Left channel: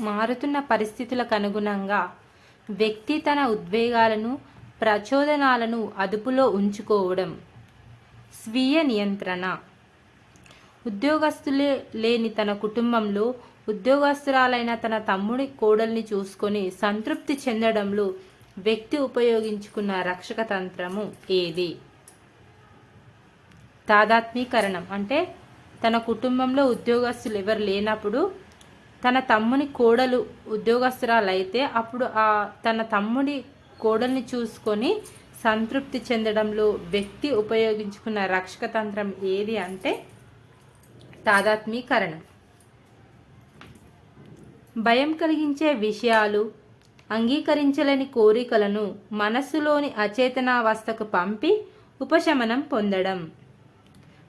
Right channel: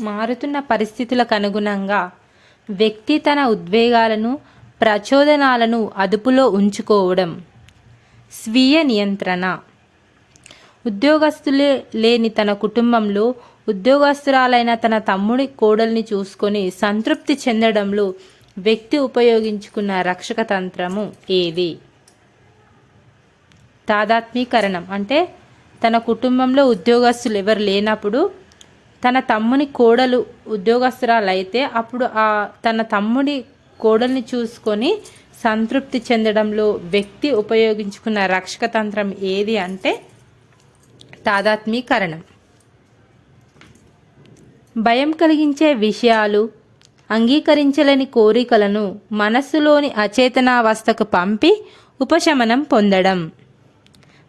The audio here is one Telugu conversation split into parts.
మారుతున్న పరిస్థితులకు అనుగుణంగా వ్యక్తి తన ఉద్వేగాలను, ప్రచోదనాలను అదుపులో ఉంచుకోవడం. స్వీయ నియంత్రణ. ఉద్యోగస్తులే లేని తన కుటుంబంలో ఉద్యోగస్తురాలైన తన తమ్ముడి కోడల్ని చూసుకొని సంతృప్తి చెందడంలో వ్యక్తి ఉపయోగించుకున్న రక్షక తంత్రము ఏది? తాదాత్మీకరణం. అంటే తన కుటుంబంలో ఉద్యోగస్తులు ఎవరు లేనప్పుడు తన తమ్ముని కోడలు ఉద్యోగస్తురాలైతే అప్పుడు తన తమ్ముడి కోడల్ని చూసుకొని సంతృప్తి చెందడంలో వ్యక్తి ఉపయోగించుకున్న రక్షక తంత్రం ఏది అంటే తాదాత్మీకరణం. భయం కలిగించే విషయాలు, అంగీకరించలేని కోరికలను మనస్సులోని అచేతనావస్థకు పంపి ఉపశమనం పొందడం.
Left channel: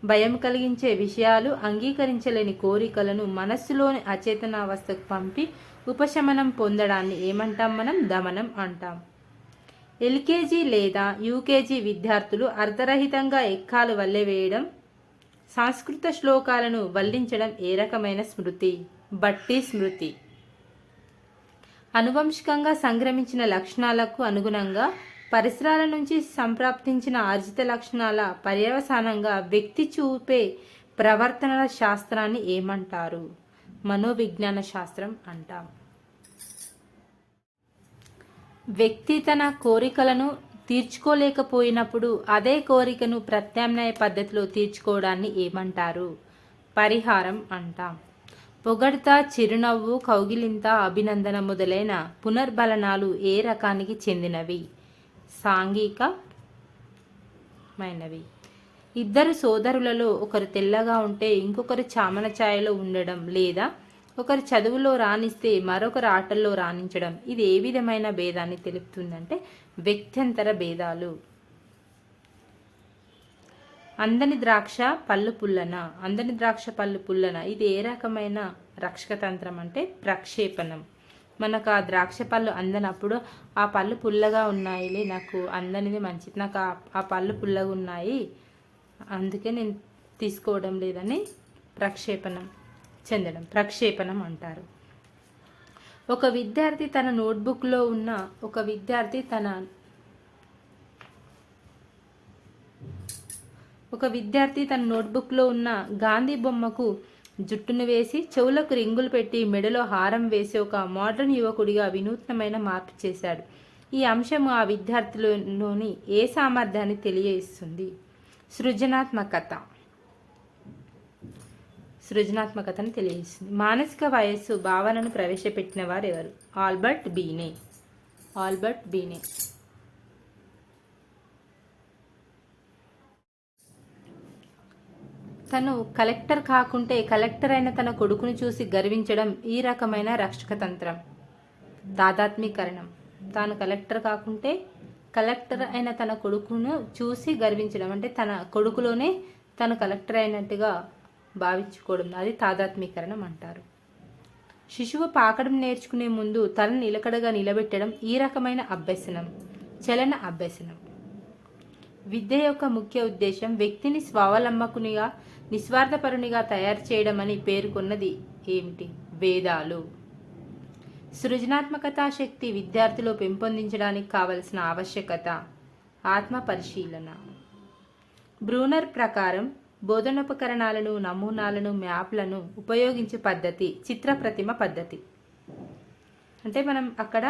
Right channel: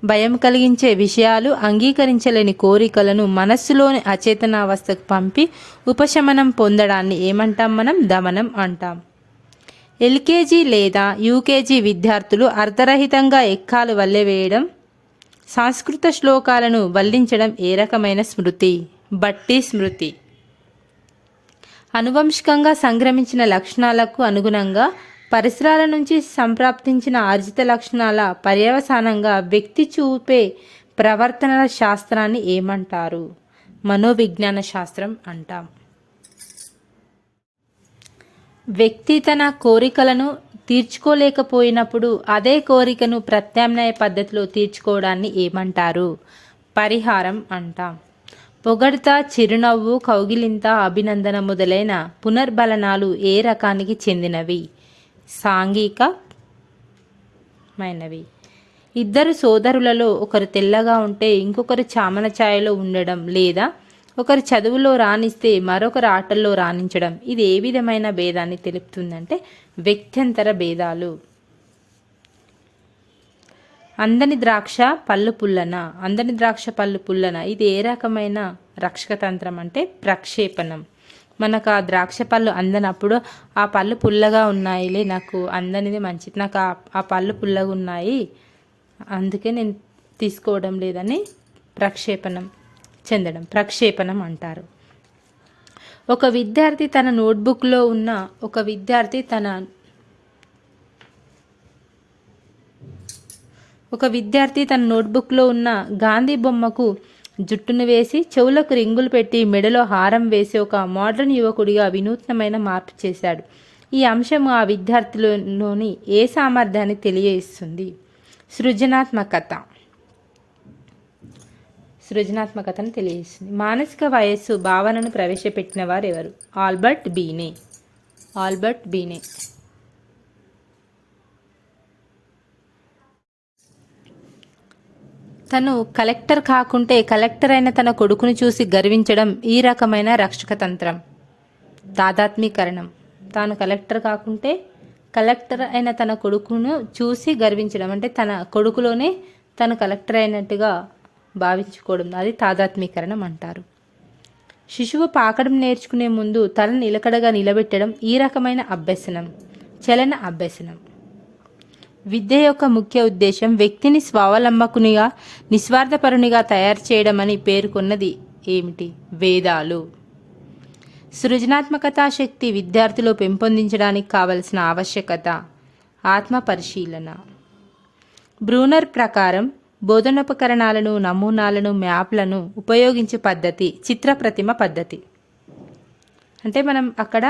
భయం కలిగించే విషయాలు, అంగీకరించలేని కోరికలను మనస్సులోని అచేతనావస్థకు పంపి ఉపశమనం పొందడాన్ని ఏమంటాం మనం? దమనం అంటాం. ఎల్కేజీ లేదా యూకేజీ విద్యార్థులు అర్ధరహితంగా ఎక్కాలు వల్లెవేయడం, సంస్కృత శ్లోకాలను వల్లించడం ఏ రకమైన స్మృతి? బట్టి స్మృతి. అనువంశికంగా సంక్రమించిన లక్షణాలకు అనుగుణంగా పరిసరాల నుంచి సంప్రాప్తించిన ఆర్జిత లక్షణాల పర్యవసానంగా వ్యక్తి చూపే ప్రవర్తనల శాస్త్రాన్ని ఏమంటారు? మనోవిజ్ఞాన శాస్త్రం అంటాం. వ్యక్తి తన కోరికలను తీర్చుకోలేకపోయినప్పుడు అదే కోరికను ప్రత్యామ్నాయ పద్ధతిలో తీర్చుకోవడాన్ని ఏమంటారు? పరిహారం అంటాం. పొగడ్త, చిరునవ్వు, కౌగిలింత, అభినందన మొదలైన పునర్బలనాలు ఏ రకానికి చెందినవి? సాంఘికమైనవి. ఇద్దరు సోదరులలో ఒకరు తెల్లగా ఉంటే ఇంకొకరు చామన ఛాయలో ఉండడం, లేదా ఒకరు చదువులో రాణిస్తే మరొకరు ఆటల్లో రాణించడం, ఇది ఏ విధమైన భేదాన్ని తెలుపుతుందంటే వ్యక్త్యంతర భేదాలు. అందని ద్రాక్ష పళ్ళు పుల్లన. అందని ద్రాక్ష పళ్ళు పుల్లన ఇది ఏ రకమైన రక్షక తంత్రం అంటే ప్రక్షేపణం. మనకు ఆ ద్రాక్ష పళ్ళు అందనప్పుడు ఆ పళ్ళు పుల్లగా ఉన్నాయిలే, నాకు అందనిది మంచిది, నాకు ఆ పళ్ళు పుల్లగా ఉన్నాయి అందుకే నేను తీసుకోవడం లేదని ప్రక్షేపణం చెందడం, ప్రక్షేపణం అంటారు. ఒక విద్యార్థి తన నోట్బుక్లో ఉన్న గాంధీ బొమ్మకు జుట్టును వేసి చెవులకు రింగులు పెట్టి మెడలో హారం వేసి ఒక మోడర్న్ యువకుడిగా వినూత్నమైన మార్పు చేశాడు. ఈ అంశము ఆ విద్యార్థిలోని ఏ సామర్థ్యాన్ని తెలియజేస్తుంది? సృజనాత్మకతను తెలియజేస్తుంది. మానసిక వయస్సు భావనను ప్రవేశపెట్టిన వారు ఎవరు? ఆల్బర్ట్ బీనే. తను కలెక్టర్ కాకుంటే కలెక్టర్ అయిన తన కొడుకును చూసి గర్వించడం ఈ రకమైన రక్షక తంత్రం. తాదాత్మీకరణం. తాను కలెక్టర్ కాకుంటే కలెక్టర్ అయిన తన కొడుకును చూసి గర్వించడం అంటే తన కొడుకులోనే తను కలెక్టర్ అయినట్టుగా భావించుకోవడం, అది తాదాత్మీకరణం అంటారు. శిశువు పాకడం నేర్చుకునే ముందు తలను నిలకడగా నిలబెట్టడం ఈ రకమైన అభ్యసనం, చలన అభ్యసనం. విద్య యొక్క ముఖ్య ఉద్దేశం వ్యక్తిని స్వావలంబకునిగా, నిస్వార్థపరునిగా తయారు చేయడం అని పేర్కొన్నది ఏమిటి? వేదాలు. సృజనాత్మకతా శక్తి విద్యార్థిలో పెంపొందించడానికి కావలసిన ఆవశ్యకత ఆత్మ పరిశీలన. బ్రూనర్ ప్రకారం బోధనోపకరణాలను, నమూనాలను, మ్యాప్లను ఉపయోగించే పద్ధతి చిత్రప్రతిమ పద్ధతి. అంటే మనం అక్కడ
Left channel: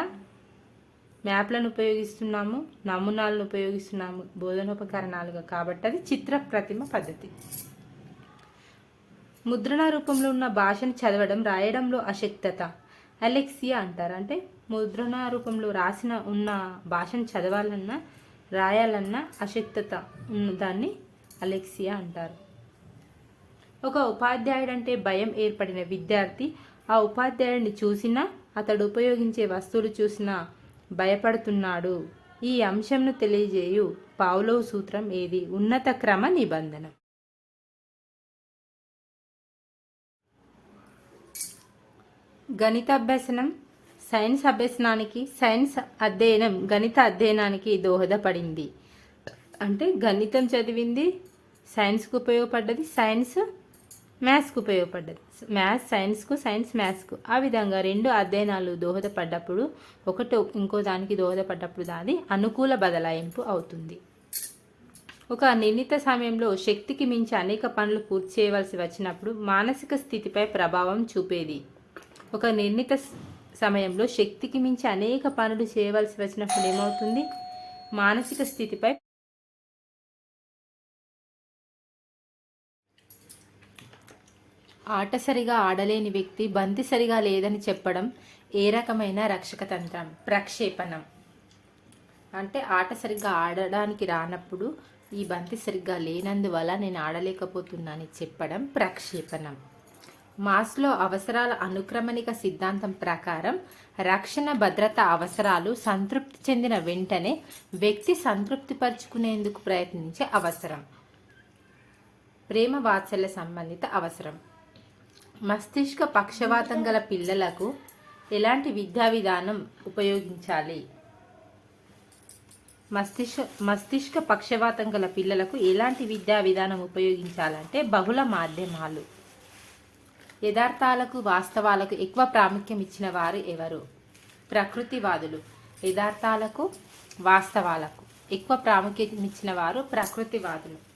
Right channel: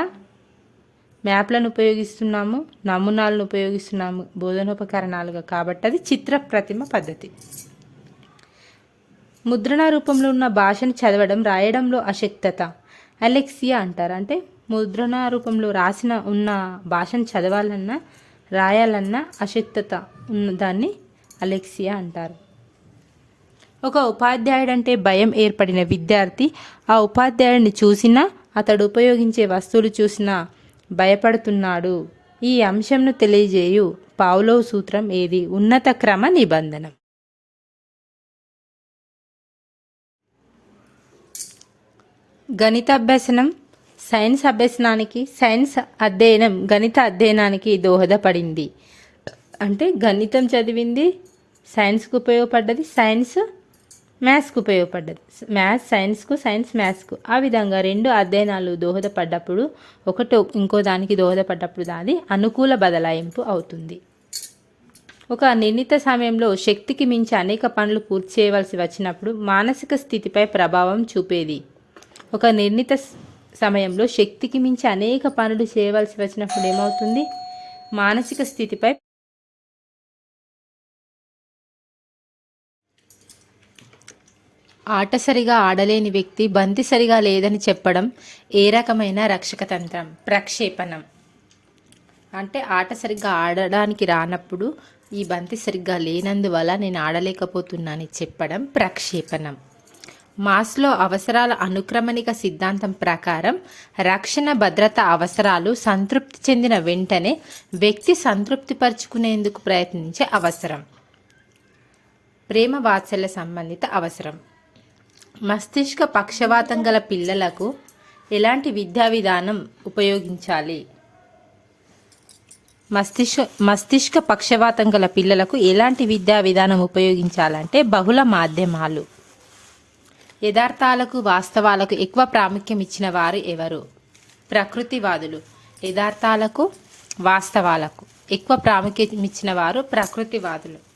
మ్యాప్లను ఉపయోగిస్తున్నాము, నమూనాలను ఉపయోగిస్తున్నాము బోధనోపకరణాలుగా, కాబట్టి అది చిత్రప్రతిమ పద్ధతి. ముద్రణ రూపంలో ఉన్న భాషను చదవడం, రాయడంలో అశక్తత అలెక్సియా అంటారు. అంటే ముద్రణ రూపంలో ఉన్న భాషను చదవాలన్నా రాయాలన్నా అశక్తత ఉన్న దాన్ని అలెక్సియా అంటారు. ఒక ఉపాధ్యాయుడు అంటే భయం ఏర్పడిన విద్యార్థి ఆ ఉపాధ్యాయుడిని చూసినా, అతడు ఉపయోగించే వస్తువులు చూసినా భయపడుతున్నాడు. ఈ అంశంను తెలియజేయు పావ్లోవ్ సూత్రం ఏది? ఉన్నత క్రమ నిబంధనం. గణిత అభ్యసనం సైన్స్ అభ్యసనానికి, సైన్స్ అధ్యయనం గణిత అధ్యయనానికి దోహదపడింది. అంటే గణితం చదివింది సైన్స్కు ఉపయోగపడ్డది, సైన్స్ మ్యాథ్స్కు ఉపయోగపడ్డది. మ్యాథ్స్ సైన్స్కు, సైన్స్ మ్యాథ్స్కు. ఆ విధంగా రెండు అధ్యయనాలు దోహదపడ్డప్పుడు, ఒకటి ఇంకో దానికి దోహదపడ్డప్పుడు దాని అనుకూల బదలాయింపు అవుతుంది. ఒక నిర్ణీత సమయంలో శక్తికి మించి అనేక పనులు పూర్తి చేయవలసి వచ్చినప్పుడు మానసిక స్థితిపై ప్రభావం చూపేది. ఒక నిర్ణీత సమయంలో శక్తికి మించి అనేక పనులు చేయవలసి వచ్చినప్పుడు ఏమవుతుంది? మానసిక స్థితిపై ఆట సరిగా ఆడలేని వ్యక్తి బంతి సరిగా లేదని చెప్పడం ఏ రకమైన రక్షక తంత్రం? ప్రక్షేపణం. అంటే ఆట సరిగ్గా ఆడడానికి రానప్పుడు ఈ బంతి సరిగ్గా లేనందువల్ల నేను ఆడలేకపోతున్నానని చెప్పడం ప్రక్షేపణం. మాస్లో అవసరాల అనుక్రమణిక సిద్ధాంతం ప్రకారం రక్షణ భద్రత అవసరాలు సంతృప్తి చెందిన వెంటనే వ్యక్తి సంతృప్తిపరుచుకునేందుకు ప్రయత్నించే అవసరం. ప్రేమ వాత్సల్య సంబంధిత అవసరం. మస్తిష్క పక్షవాతం గల పిల్లలకు ఎలాంటి విద్యా విధానం ఉపయోగించాలి? మస్తిష్క పక్షవాతం గల పిల్లలకు ఎలాంటి విద్యా విధానం ఉపయోగించాలంటే బహుళ మాధ్యమాలు. యథార్థాలకు వాస్తవాలకు ఎక్కువ ప్రాముఖ్యం ఇచ్చిన వారు ఎవరు? ప్రకృతివాదులు. యథార్థాలకు వాస్తవాలకు ఎక్కువ ప్రాముఖ్యం ఇచ్చిన వారు ప్రకృతివాదులు.